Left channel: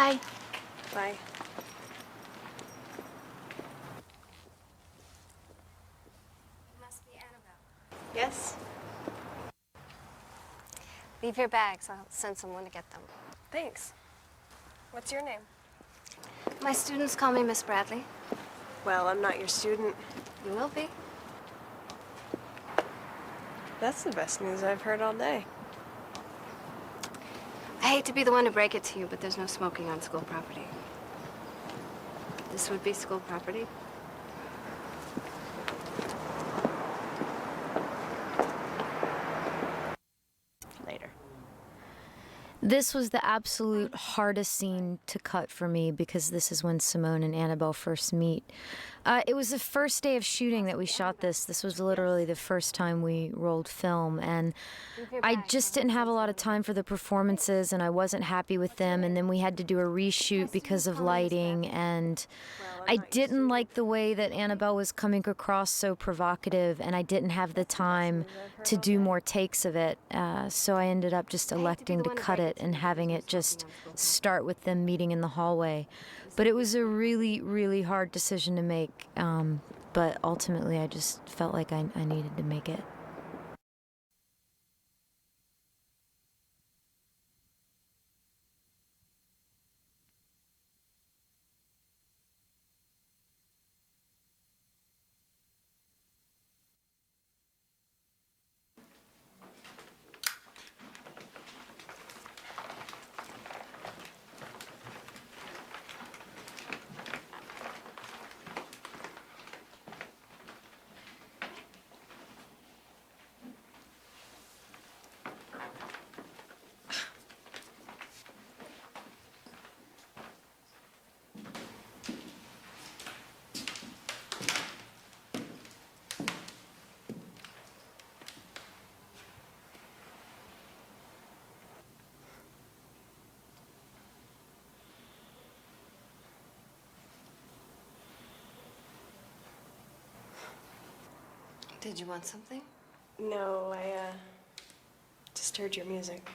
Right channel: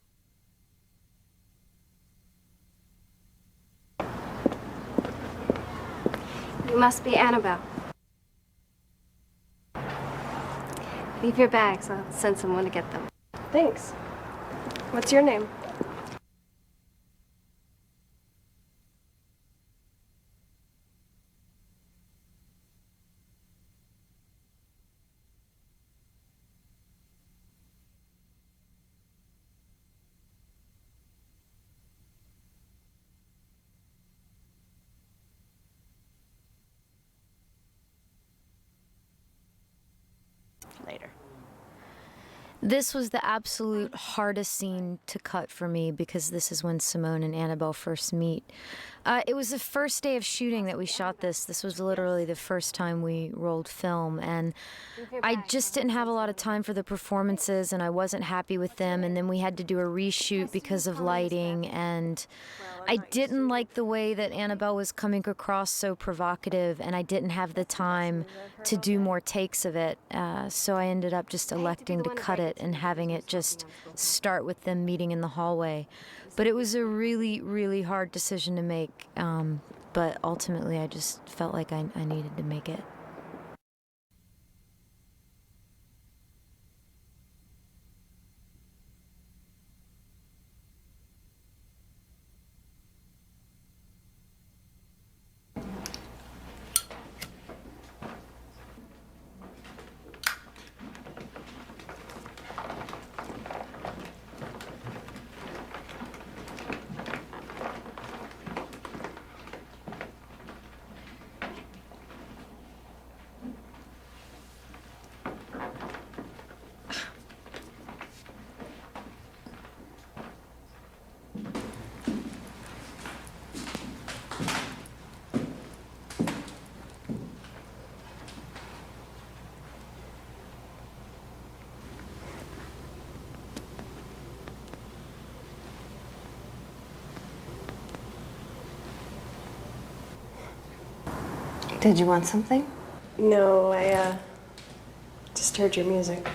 Bye. Bye. You must be Annabelle. Yes? Leave your bags. I'll send someone to get them. Thanks. What's your name? My students call me Miss Bradley. Well, I'm not your student. You will be. That's the best news I've heard all day. I hate to be the one to break it to you, but there's no smoking on school property. This would be school property. Later. This was the absolute hardest scene to cut for me because this is when Simone and Annabelle first meet. It was the first day of shooting that we shot this. This was literally the first time we rolled film, and I just didn't have a lot of time for the performances, and I wasn't happy with them, and then we had to do a reshoot because of lighting, and I didn't like the way that Annabelle was coming across so provocative, and I didn't have the time to do more takes of it, so I ended up just electing to cut it and having it just start with them meeting in the hallway. But it was a really, really hard decision to make, but ultimately I just felt like I needed to make it. Did you want something? No, I, just heard your music.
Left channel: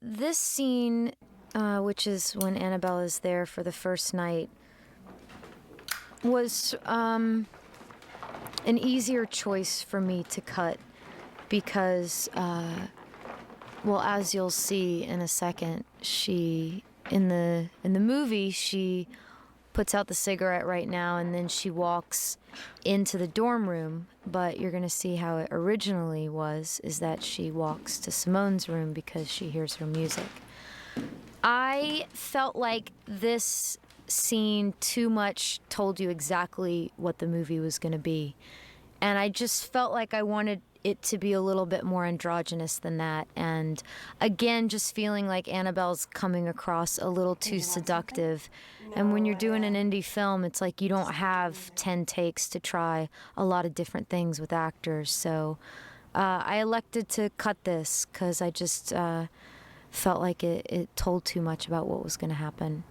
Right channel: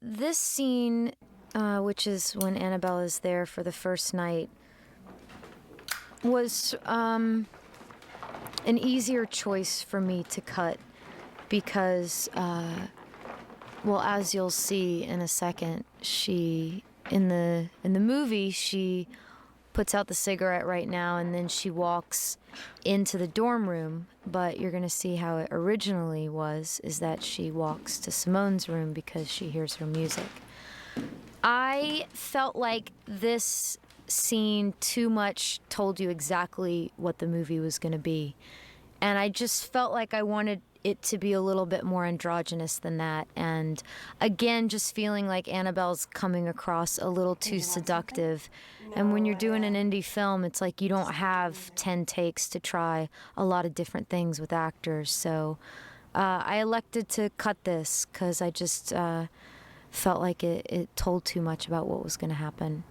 This scene, which is when Annabelle is there for the first night, was an easier choice for me to cut because, well, as you'll see in a second, she in the movie she puts out the cigarette right now and then she walks into the dorm room, but you're gonna see how it originally is that she walks to Simone's room because she hears her music. I felt like this scene too much told you exactly what the movie was gonna be, and I just felt like I wanted it to be a little bit more androgynous than that, and again just feeling like Annabelle's coming across a little too seductive. And when you're doing an indie film, it's like you don't have 10 takes to try a lot of different things with actors, so I elected to cut this because I just felt like it told too much about what was going to happen.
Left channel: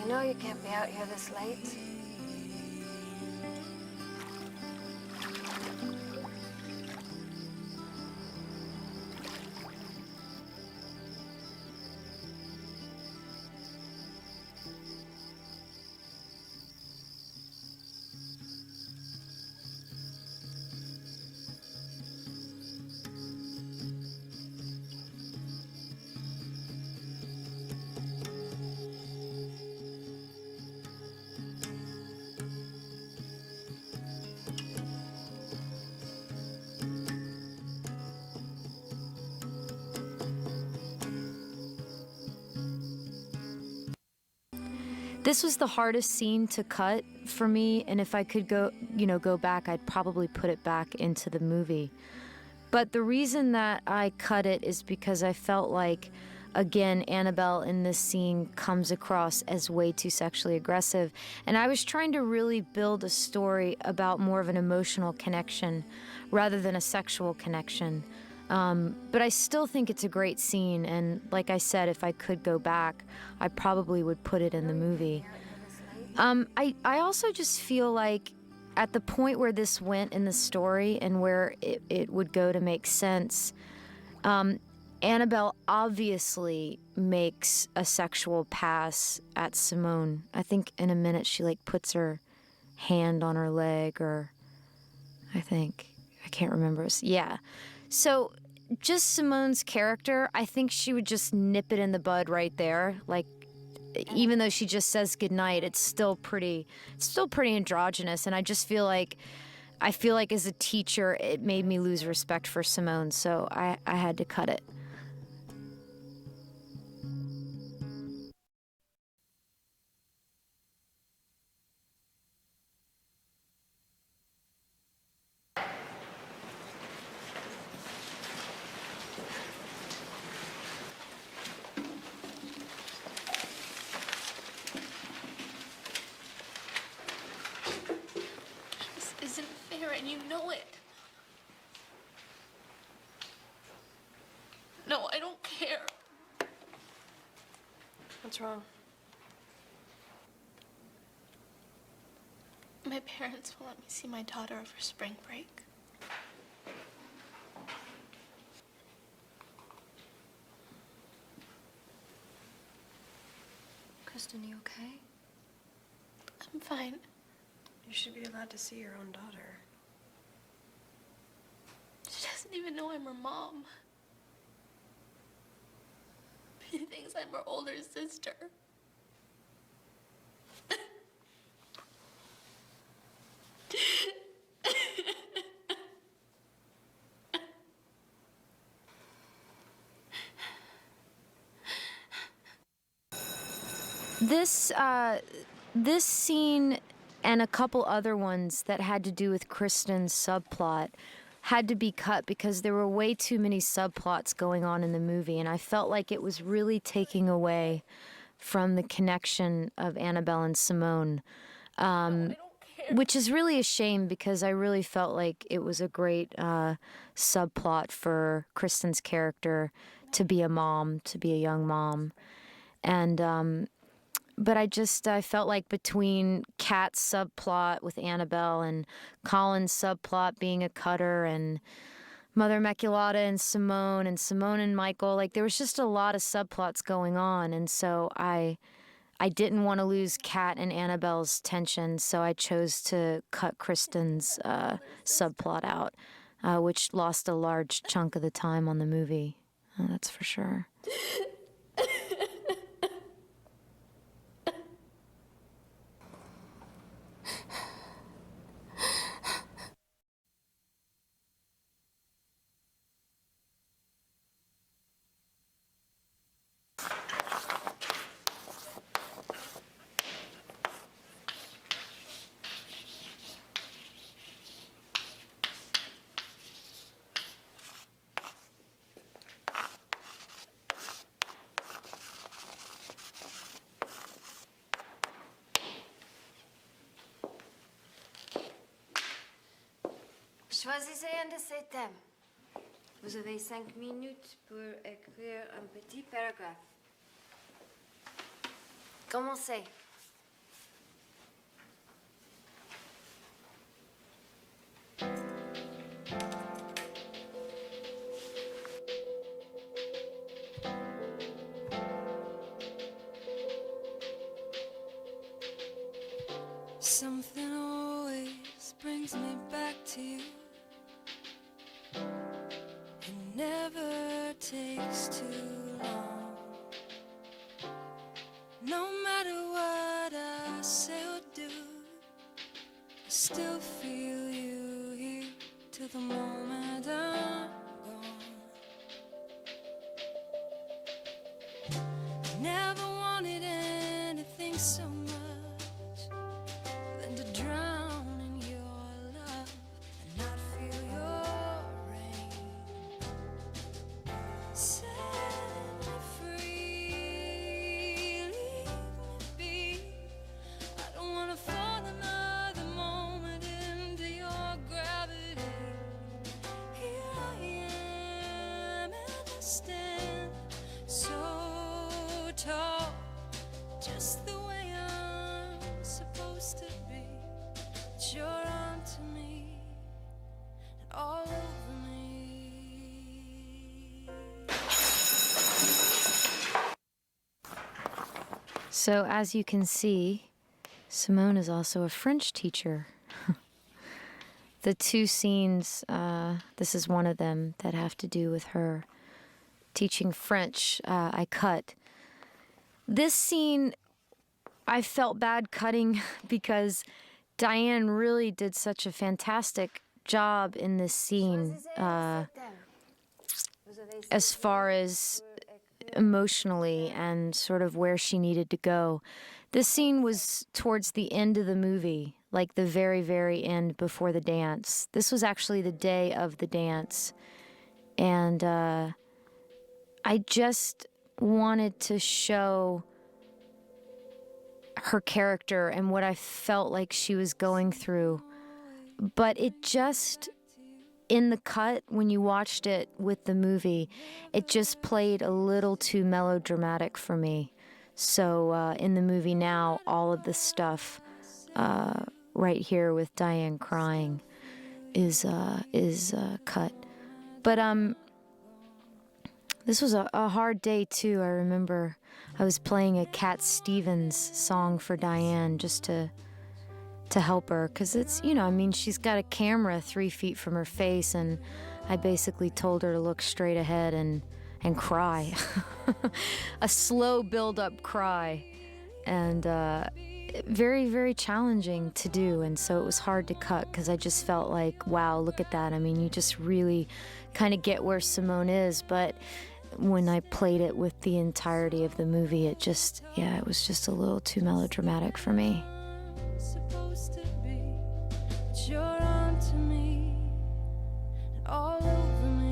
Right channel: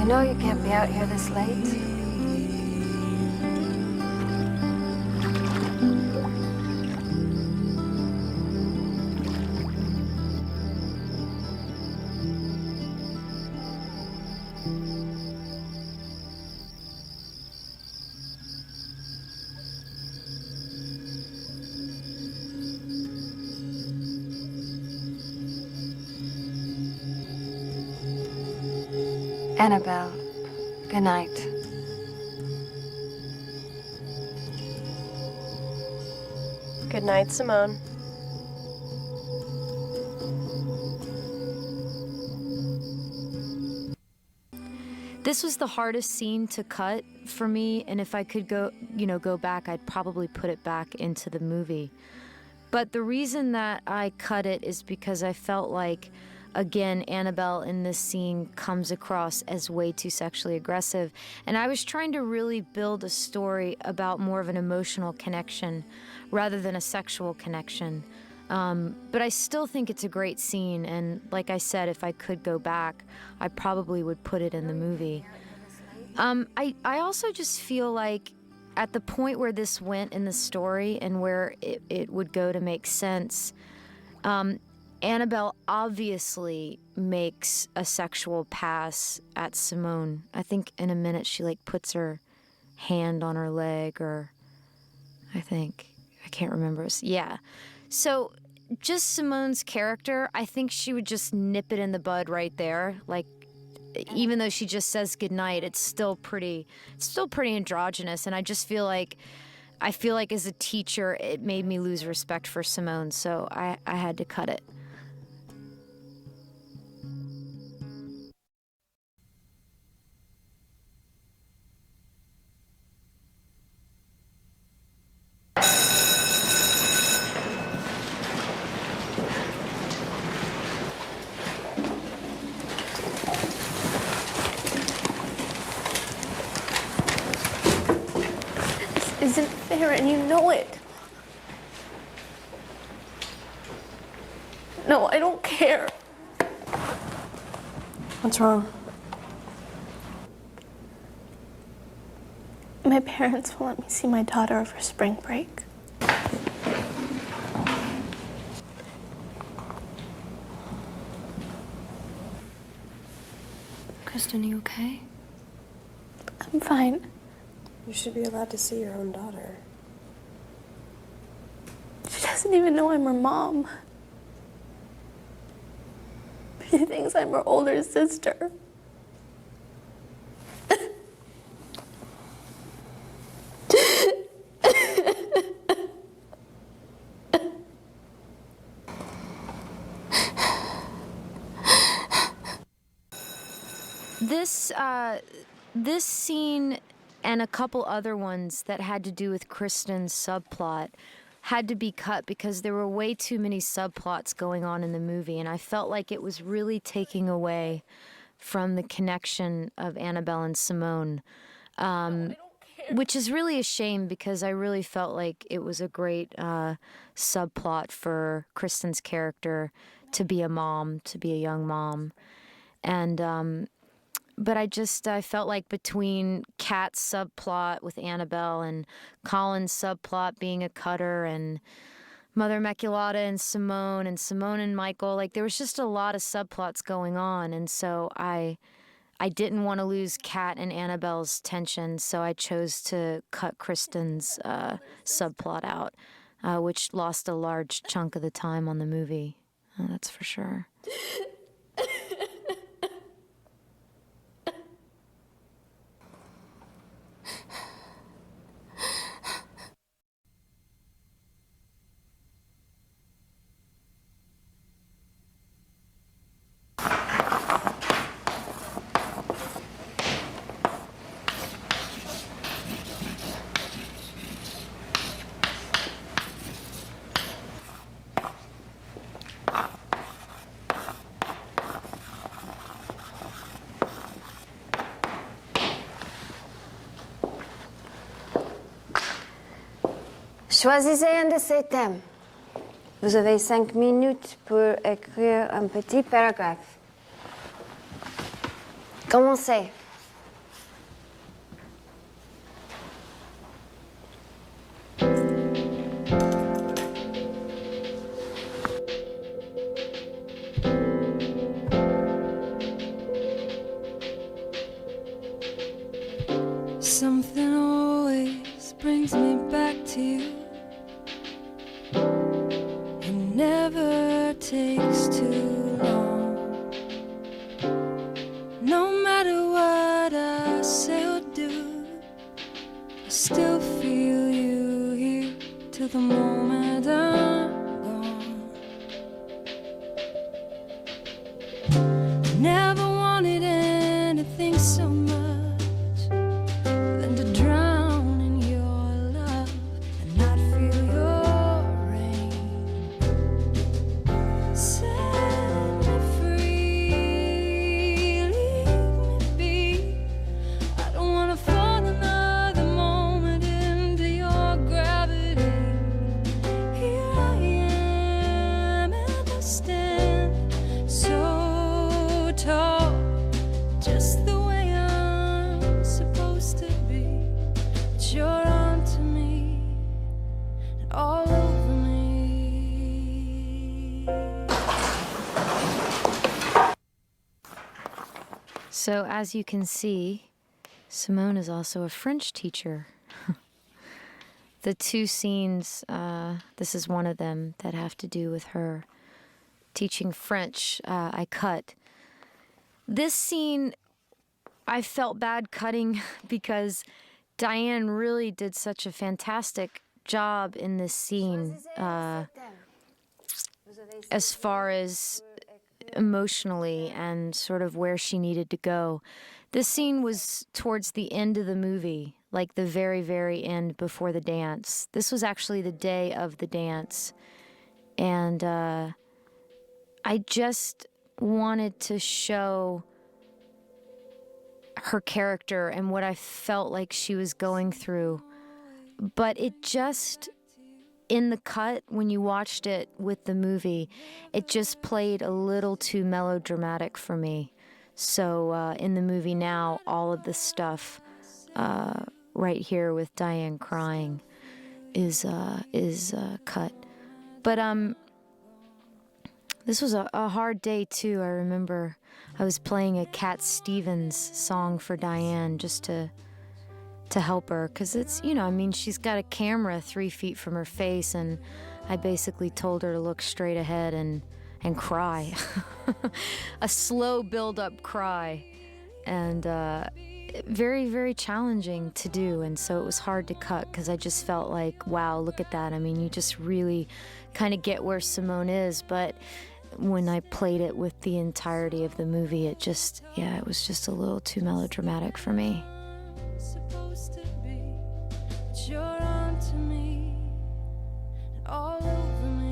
You know you can't be out here this late. Annabelle, good night. Good night, Simone. This was the hardest scene to cut for me, and if I could go back, I'd probably put it back into the movie. But the reason that I cut it is because I felt like, again, Annabelle in this scene comes across as way too sexually aggressive, and I was trying to really build a story about more of an emotional connection rather than a sexual connection. But I still think it's a great scene, and like I said, if I could go back, I probably would put it in the movie. I also just feel like at the point where this went in the story and where it would go to make sense, Annabelle obviously makes a sexual pass at Simone. I think in a minute she like puts her hand on her leg, or I can't remember. Yeah. So just Simone's character, I think she would just nip it in the bud right there. Like, even though she just says goodnight, it's still pretty androgynous. And I just feel like as a teacher, it made me lose respect for Simone. So I had to cut it. This isn't fair, and you know it. No, I don't care. What's wrong? My parents won't let me see my daughter over spring break. Kristen, are you okay? I'm fine. You should be allowed to see your own daughter. She doesn't even know I'm her mom. She thinks I'm her older sister. This scene and a couple other ones that had to do with Kristen's subplot had to be cut because there were way too many subplots going on in the movie, and I felt like it was really taking away from the connection of Annabelle and Simone, which is really a shame because I really felt like it was a great subplot for Kristen's character to be a mom, to be a young mom. And but I felt like between Kat's subplot with Annabelle and Colin's subplot being a cutter and Mother Immaculata and Simone and Michael, like there was just a lot of subplots going on, and so I didn't want to lose Kat and Annabelle's tension, so I chose to cut Kristen's subplot out, which lost a large chunk of the time on the movie. That's for sure. Choisissez un de ces thèmes. Vous avez 5 minutes pour écrire un petit paragraphe. Commencez. Something always brings me back to you. It never takes too long. No matter what I say or do, I still feel you here till the moment So as you can see, Simone is also a French teacher. The two scenes, this is one of them that have to do with her teaching French, I cut. This scene, I felt bad cutting because Diane really did such a fantastic job in this scene, as far as emotionally and sort of where she needed to go. This scene was towards the end of the movie, like the very, very end before the dance. This was actually the day of the dance. And I just wanted to show her character and what I felt like she was going through. But it just, in the cut, when you watched it with the movie, it just played a little too melodramatic for me. So in the movie now, all of the stuff right here with Diane crying is cut. But this was a hard day too. I remember I was playing a Cat Stevens song for Diane just to help her, because it's, you know, I mean, she's got a camera 3 feet from her face, and I basically told her to look straight ahead and cry. A slow build-up cry. And very, very challenging to do, and so it was hard to cut because I just felt like, wow, look at that. I mean, you just really kind of get where Simone is, but when I played it with the entirety of the movie, it just, yeah, it was just a little too melodramatic for me. Supposed to be, but you're on to me and all over me.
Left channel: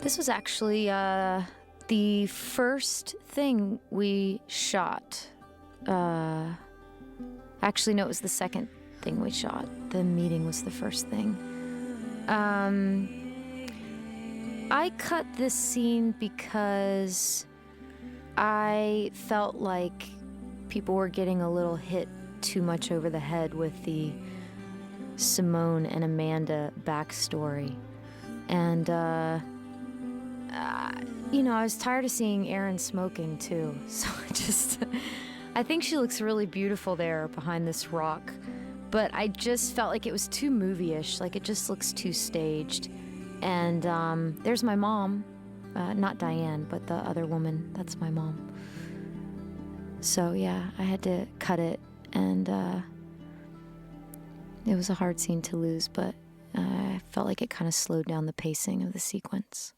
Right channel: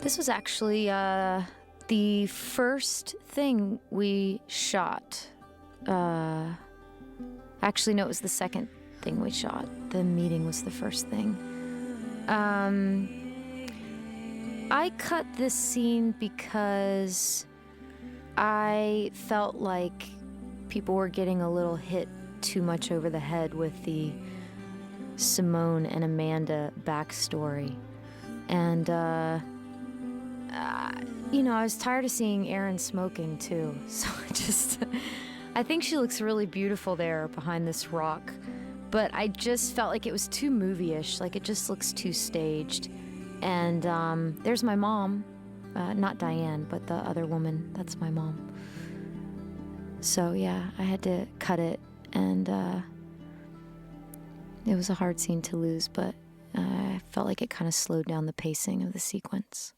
This was actually the first thing we shot. Actually, no, it was the second thing we shot. The meeting was the first thing. I cut this scene because I felt like people were getting a little hit too much over the head with the Simone and Amanda backstory. And, you know, I was tired of seeing Erin smoking too. So I think she looks really beautiful there behind this rock. But I just felt like it was too movie-ish, like it just looks too staged. And there's my mom, not Diane, but the other woman, that's my mom. So yeah, I had to cut it, and it was a hard scene to lose, but I felt like it kind of slowed down the pacing of the sequence.